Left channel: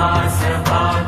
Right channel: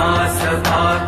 Shabbat